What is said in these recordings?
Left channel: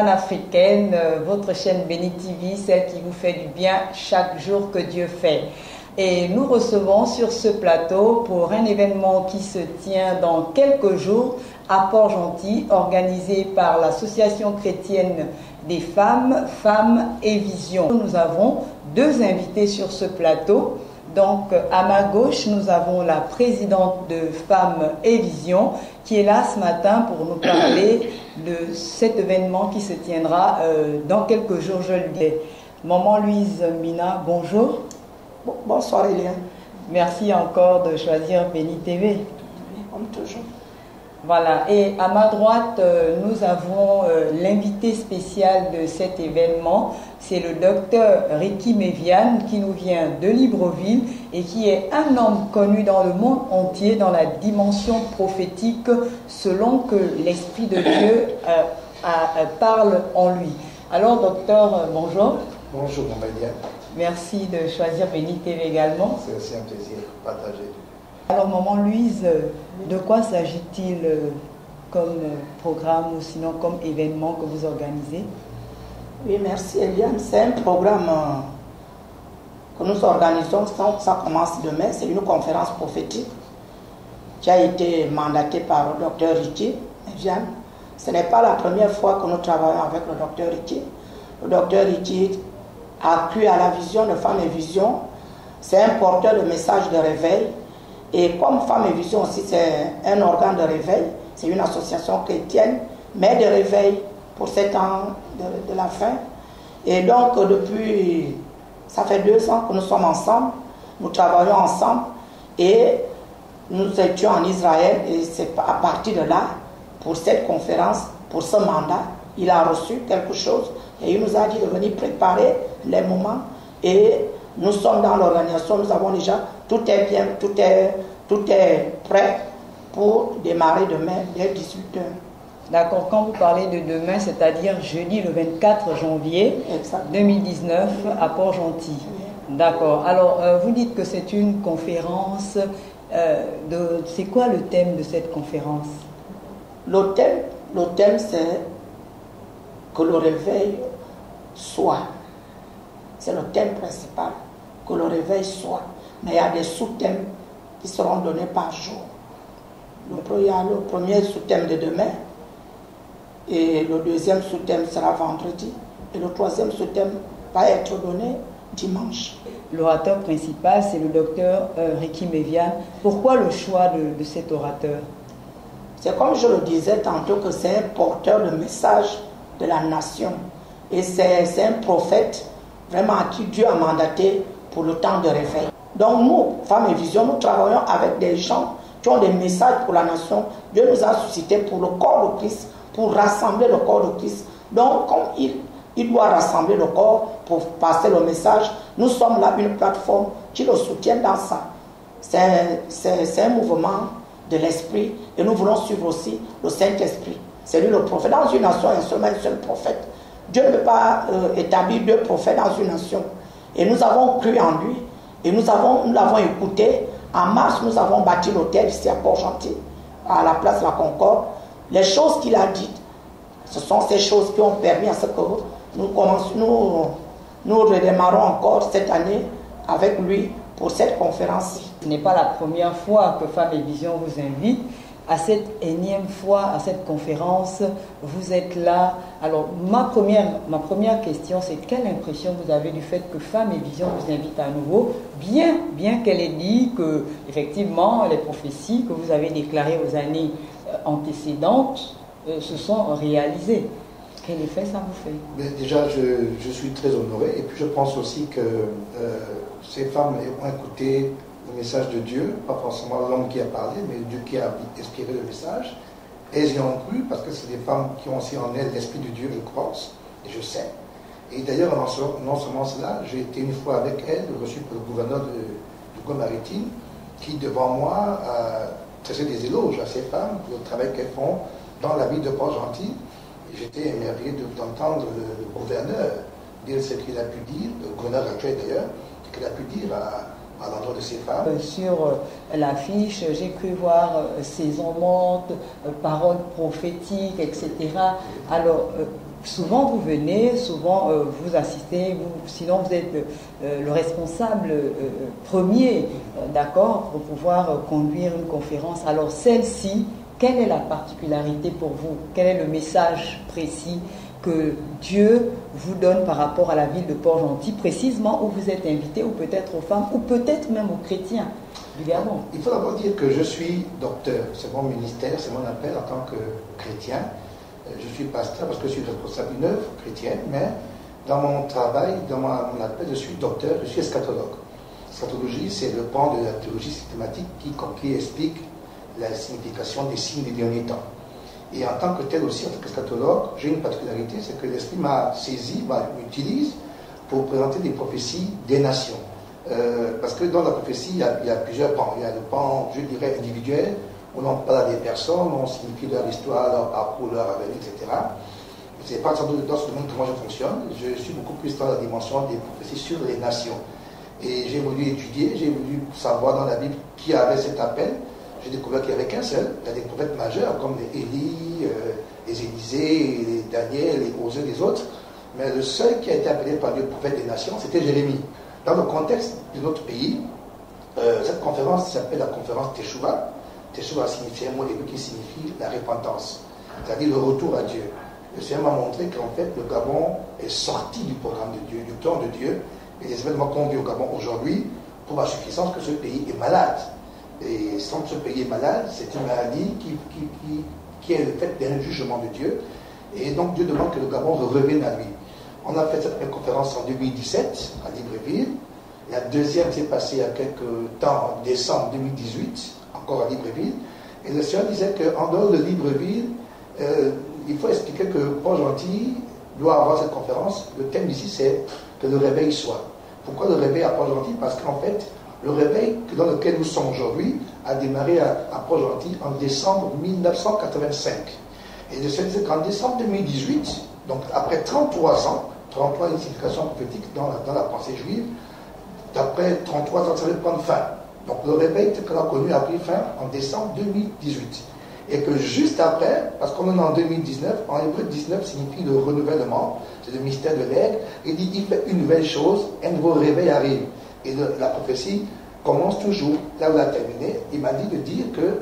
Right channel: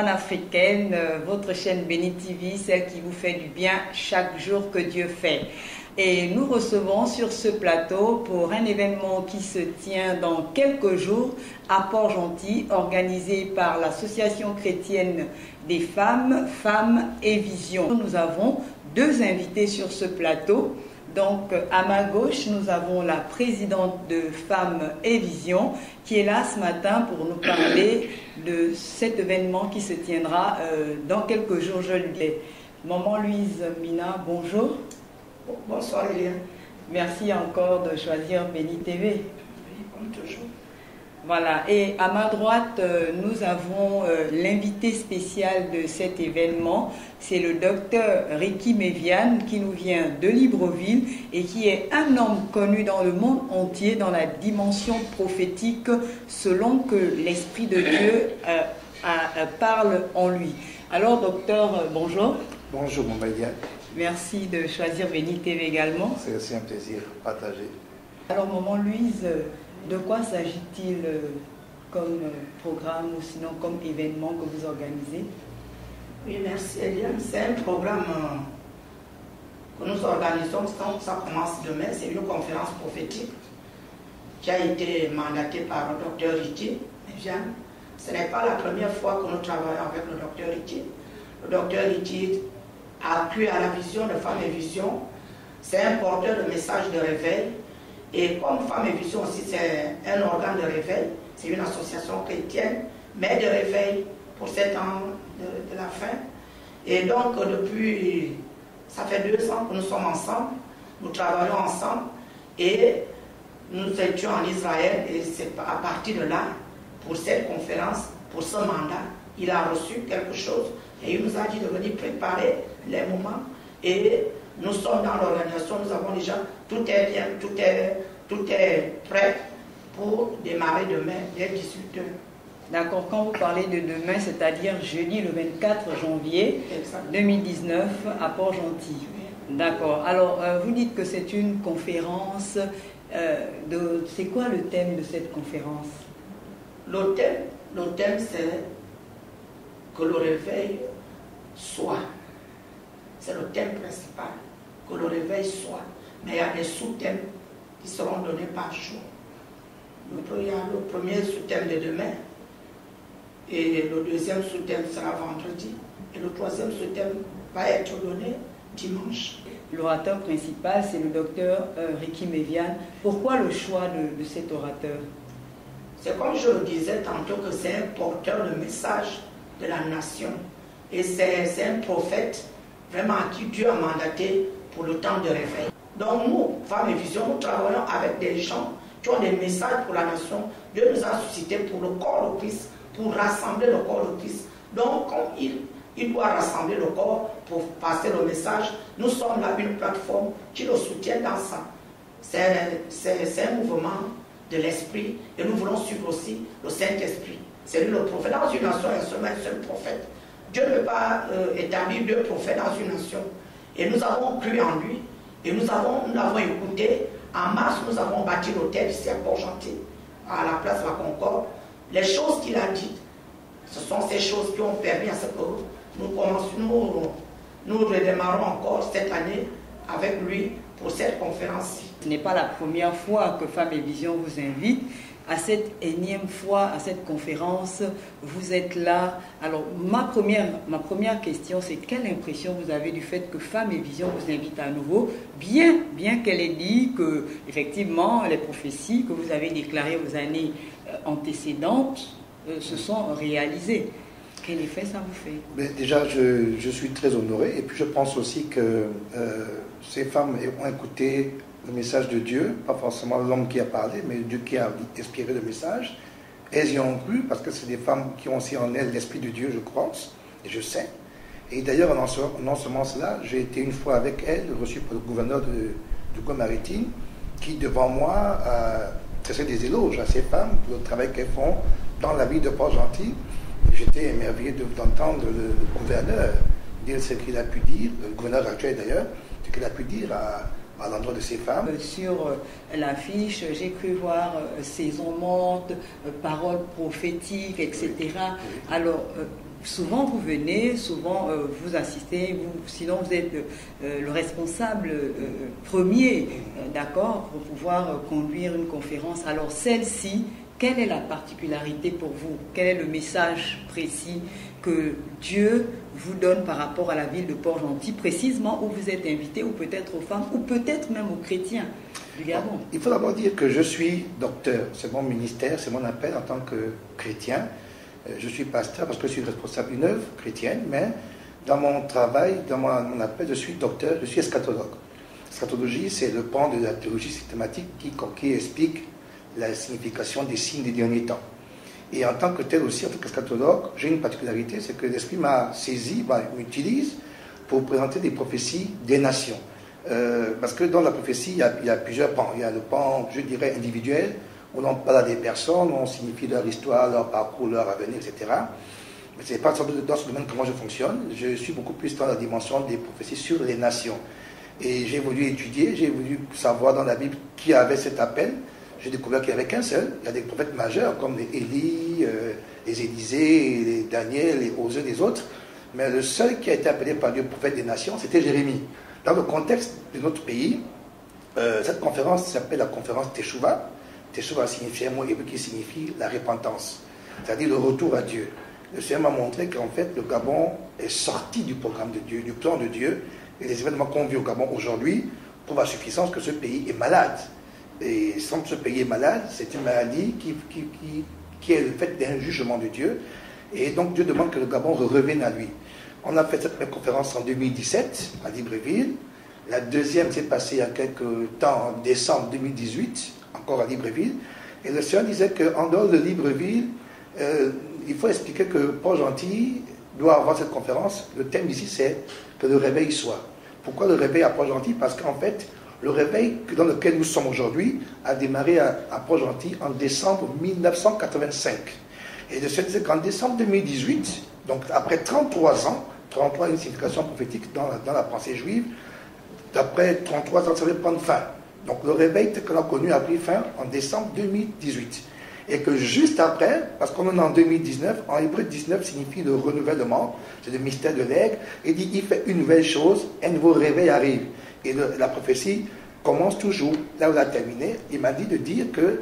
panafricaine, votre chaîne Béni TV, celle qui vous fait du bien chaque jour que Dieu fait. Et nous recevons sur ce plateau pour un événement qui se tient dans quelques jours à Port-Gentil, organisé par l'Association chrétienne des femmes, Femmes et Vision. Nous avons deux invités sur ce plateau. Donc, à ma gauche, nous avons la présidente de Femmes et Vision qui est là ce matin pour nous parler de cet événement qui se tiendra dans quelques jours, je le dis. Maman Louise Mina, bonjour. Bonsoir Eliane. Merci encore de choisir Béni TV. Comme toujours. Voilà, et à ma droite, nous avons l'invité spécial de cet événement. C'est le docteur Ricky Méviane qui nous vient de Libreville et qui est un homme connu dans le monde entier dans la dimension prophétique selon que l'Esprit de Dieu parle en lui. Alors, docteur, bonjour. Bonjour, Maman Eliane. Merci de choisir Béni TV également. C'est aussi un plaisir partagé. Alors, Maman Louise, de quoi s'agit-il comme programme ou sinon comme événement que vous organisez? Oui, merci Eliane. C'est un programme que nous organisons, ça commence demain. C'est une conférence prophétique qui a été mandatée par le docteur Ricky Méviane. Ce n'est pas la première fois que nous travaillons avec le docteur Ricky. Le docteur Ricky a cru à la vision de Femmes et Vision. C'est un porteur de messages de réveil. Et comme Femmes et Vision aussi, c'est un organe de réveil, c'est une association chrétienne, mais de réveil pour 7 ans de la fin. Et donc, depuis, ça fait 2 ans que nous sommes ensemble, nous travaillons ensemble, et nous étions en Israël, et c'est à partir de là, pour cette conférence, pour ce mandat, il a reçu quelque chose, et il nous a dit de venir préparer les moments, et nous sommes dans l'organisation, nous avons déjà, tout est bien, tout est prêt pour démarrer demain dès 18h. D'accord, quand vous parlez de demain, c'est-à-dire jeudi le 24 janvier 2019 à Port-Gentil. Oui. D'accord, alors vous dites que c'est une conférence, c'est quoi le thème de cette conférence? Le thème c'est que le réveil soit. C'est le thème principal, que le réveil soit. Mais il y a des sous-thèmes qui seront donnés par jour. Il y a le premier sous-thème de demain, et le deuxième sous-thème sera vendredi, et le troisième sous-thème va être donné dimanche. L'orateur principal, c'est le docteur Ricky Méviane. Pourquoi le choix de cet orateur? C'est comme je le disais tantôt, que c'est un porteur de message de la nation. Et c'est un prophète vraiment à qui Dieu a mandaté pour le temps de réveil. Donc nous, Femmes et Vision, nous travaillons avec des gens qui ont des messages pour la nation. Dieu nous a suscité pour le corps de Christ, pour rassembler le corps de Christ. Donc comme il doit rassembler le corps pour passer le message, nous sommes là une plateforme qui le soutient dans ça. C'est un mouvement de l'esprit, et nous voulons suivre aussi le Saint-Esprit. C'est lui le prophète. Dans une nation, il y a seulement un seul prophète. Dieu ne peut pas établir 2 prophètes dans une nation. Et nous avons cru en lui, et nous l'avons écouté. En mars, nous avons bâti l'hôtel ici à Port-Gentil, à la place de la Concorde. Les choses qu'il a dites, ce sont ces choses qui ont permis à ce que nous redémarrons encore cette année avec lui pour cette conférence-ci. Ce n'est pas la première fois que Femmes et Vision vous invite. À cette énième fois, à cette conférence, vous êtes là. Alors, ma première question, c'est quelle impression vous avez du fait que Femmes et Vision vous invite à nouveau, bien qu'elle ait dit que, effectivement, les prophéties que vous avez déclarées aux années antécédentes se sont réalisées. Quel effet ça vous fait? Mais déjà, je suis très honoré, et puis je pense aussi que ces femmes ont écouté le message de Dieu, pas forcément l'homme qui a parlé, mais Dieu qui a inspiré le message. Elles y ont cru, parce que c'est des femmes qui ont aussi en elles l'Esprit de Dieu, je pense, et je sais. Et d'ailleurs, non seulement cela, j'ai été une fois avec elles, reçu par le gouverneur du Côte-Maritime, qui, devant moi, a tressé des éloges à ces femmes pour le travail qu'elles font dans la ville de Port-Gentil. J'étais émerveillé d'entendre le gouverneur dire ce qu'il a pu dire, le gouverneur actuel d'ailleurs, ce qu'il a pu dire à l'endroit de ces femmes. Sur l'affiche, j'ai pu voir saison morte, paroles prophétiques, etc. Oui. Alors, souvent vous venez, souvent vous assistez, sinon vous êtes le responsable premier, d'accord, pour pouvoir conduire une conférence. Alors celle-ci, quelle est la particularité pour vous? Quel est le message précis que Dieu vous donne par rapport à la ville de Port-Gentil, précisément où vous êtes invité, ou peut-être aux femmes, ou peut-être même aux chrétiens du Gabon? Il faut d'abord dire que je suis docteur, c'est mon ministère, c'est mon appel en tant que chrétien. Je suis pasteur parce que je suis responsable d'une œuvre chrétienne, mais dans mon travail, dans mon appel, je suis docteur, je suis eschatologue. L'eschatologie, c'est le pan de la théologie systématique qui explique la signification des signes des derniers temps. Et en tant que tel aussi, en tant qu'eschatologue, j'ai une particularité, c'est que l'Esprit m'a saisi, m'utilise pour présenter des prophéties des nations. Parce que dans la prophétie, il y a plusieurs pans. Il y a le pan, je dirais, individuel, où l'on parle à des personnes, on signifie leur histoire, leur parcours, leur avenir, etc. Mais ce n'est pas dans ce domaine comment je fonctionne. Je suis beaucoup plus dans la dimension des prophéties sur les nations. Et j'ai voulu étudier, j'ai voulu savoir dans la Bible qui avait cet appel. J'ai découvert qu'il n'y avait qu'un seul. Il y a des prophètes majeurs comme les Élie, les Élisée, les Daniel, les Osée, les autres. Mais le seul qui a été appelé par Dieu prophète des nations, c'était Jérémie. Dans le contexte de notre pays, cette conférence s'appelle la conférence Teshuvah. Teshuvah signifie un mot hébreu qui signifie la repentance, c'est-à-dire le retour à Dieu. Le Seigneur m'a montré qu'en fait, le Gabon est sorti du programme de Dieu, du plan de Dieu. Et les événements qu'on vit au Gabon aujourd'hui prouvent à suffisance que ce pays est malade. Et sans que ce pays est malade, c'est une maladie qui est le fait d'un jugement de Dieu. Et donc Dieu demande que le Gabon revienne à lui. On a fait cette première conférence en 2017 à Libreville. La deuxième s'est passée il y a quelques temps, en décembre 2018, encore à Libreville. Et le Seigneur disait qu'en dehors de Libreville, il faut expliquer que Port-Gentil doit avoir cette conférence. Le thème ici, c'est que le réveil soit. Pourquoi le réveil à Port-Gentil? Parce qu'en fait, le réveil dans lequel nous sommes aujourd'hui a démarré à Port-Gentil en décembre 1985. Et le Seigneur disait qu'en décembre 2018, donc après 33 ans, 33 une signification prophétique dans la pensée juive, d'après 33 ans, ça va prendre fin. Donc le réveil tel qu'on l'a connu a pris fin en décembre 2018. Et que juste après, parce qu'on est en 2019, en hébreu 19 signifie le renouvellement, c'est le mystère de l'aigle, il dit il fait une nouvelle chose, un nouveau réveil arrive. Et la prophétie commence toujours là où elle a terminé. Il m'a dit de dire que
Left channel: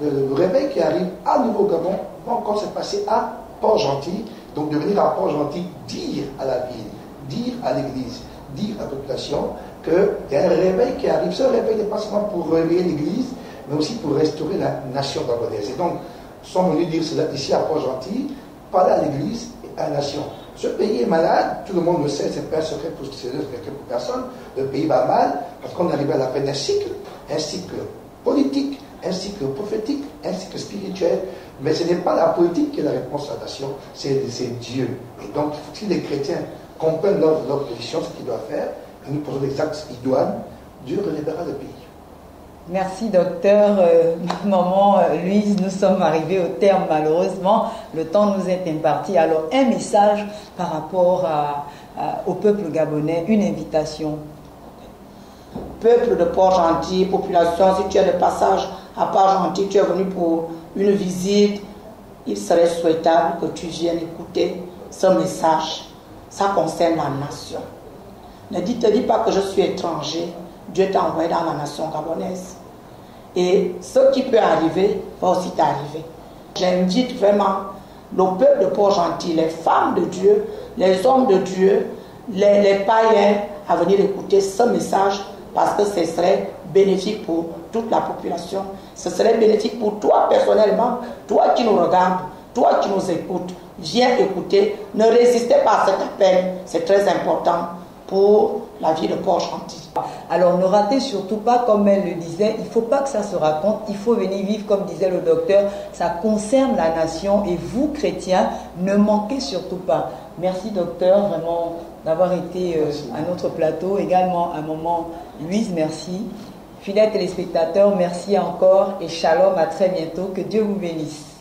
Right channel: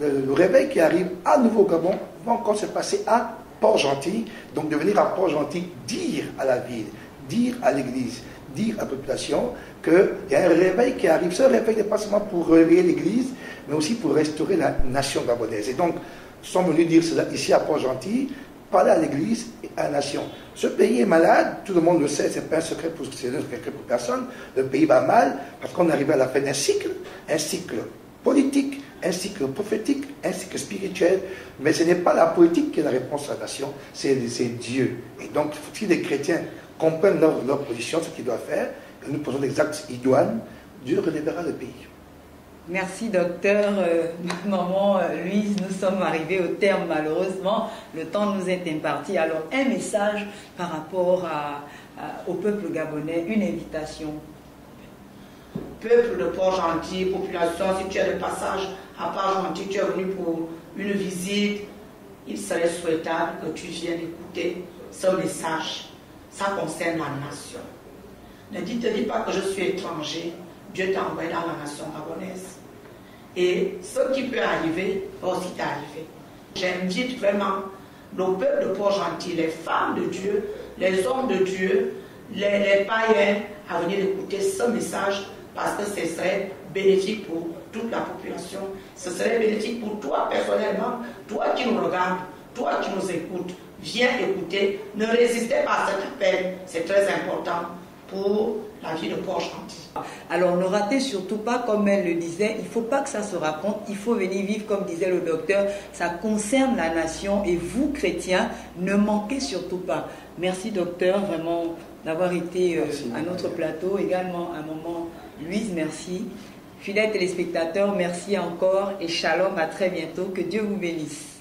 le réveil qui arrive à nouveau au Gabon va encore se passer à Port-Gentil. Donc de venir à Port-Gentil dire à la ville, dire à l'église, dire à la population qu'il y a un réveil qui arrive. Ce réveil n'est pas seulement pour réveiller l'église, mais aussi pour restaurer la nation gabonaise. Et donc, nous sommes venus dire cela ici à Port-Gentil, parler à l'église et à la nation. Ce pays est malade, tout le monde le sait, ce n'est pas un secret pour personne. Le pays va mal parce qu'on est arrivé à la fin d'un cycle politique, un cycle prophétique, un cycle spirituel. Mais ce n'est pas la politique qui est la réponse à la nation, c'est Dieu. Et donc, il faut que les chrétiens comprennent leur position, ce qu'ils doivent faire, et nous posons des actes idoines, Dieu relèvera le pays. Merci docteur. Maman Louise, nous sommes arrivés au terme malheureusement. Le temps nous est imparti. Alors un message par rapport au peuple gabonais, une invitation. Peuple de Port-Gentil, population, si tu es de passage à Port-Gentil, tu es venu pour une visite, il serait souhaitable que tu viennes écouter ce message. Ça concerne la nation. Ne te dis pas que je suis étranger. Dieu t'a envoyé dans la nation gabonaise. Et ce qui peut arriver va aussi t'arriver. J'invite vraiment le peuple de Port-Gentil, les femmes de Dieu, les hommes de Dieu, les païens à venir écouter ce message parce que ce serait bénéfique pour toute la population. Ce serait bénéfique pour toi personnellement, toi qui nous regardes, toi qui nous écoutes. Viens écouter, ne résistez pas à cet appel, c'est très important pour la vie de Port-Gentil. Alors ne ratez surtout pas, comme elle le disait, il ne faut pas que ça se raconte, il faut venir vivre, comme disait le docteur, ça concerne la nation et vous, chrétiens, ne manquez surtout pas. Merci docteur, vraiment, d'avoir été à notre plateau, également un moment. Louise, merci. Fidèles téléspectateurs, merci encore et shalom, à très bientôt, que Dieu vous bénisse.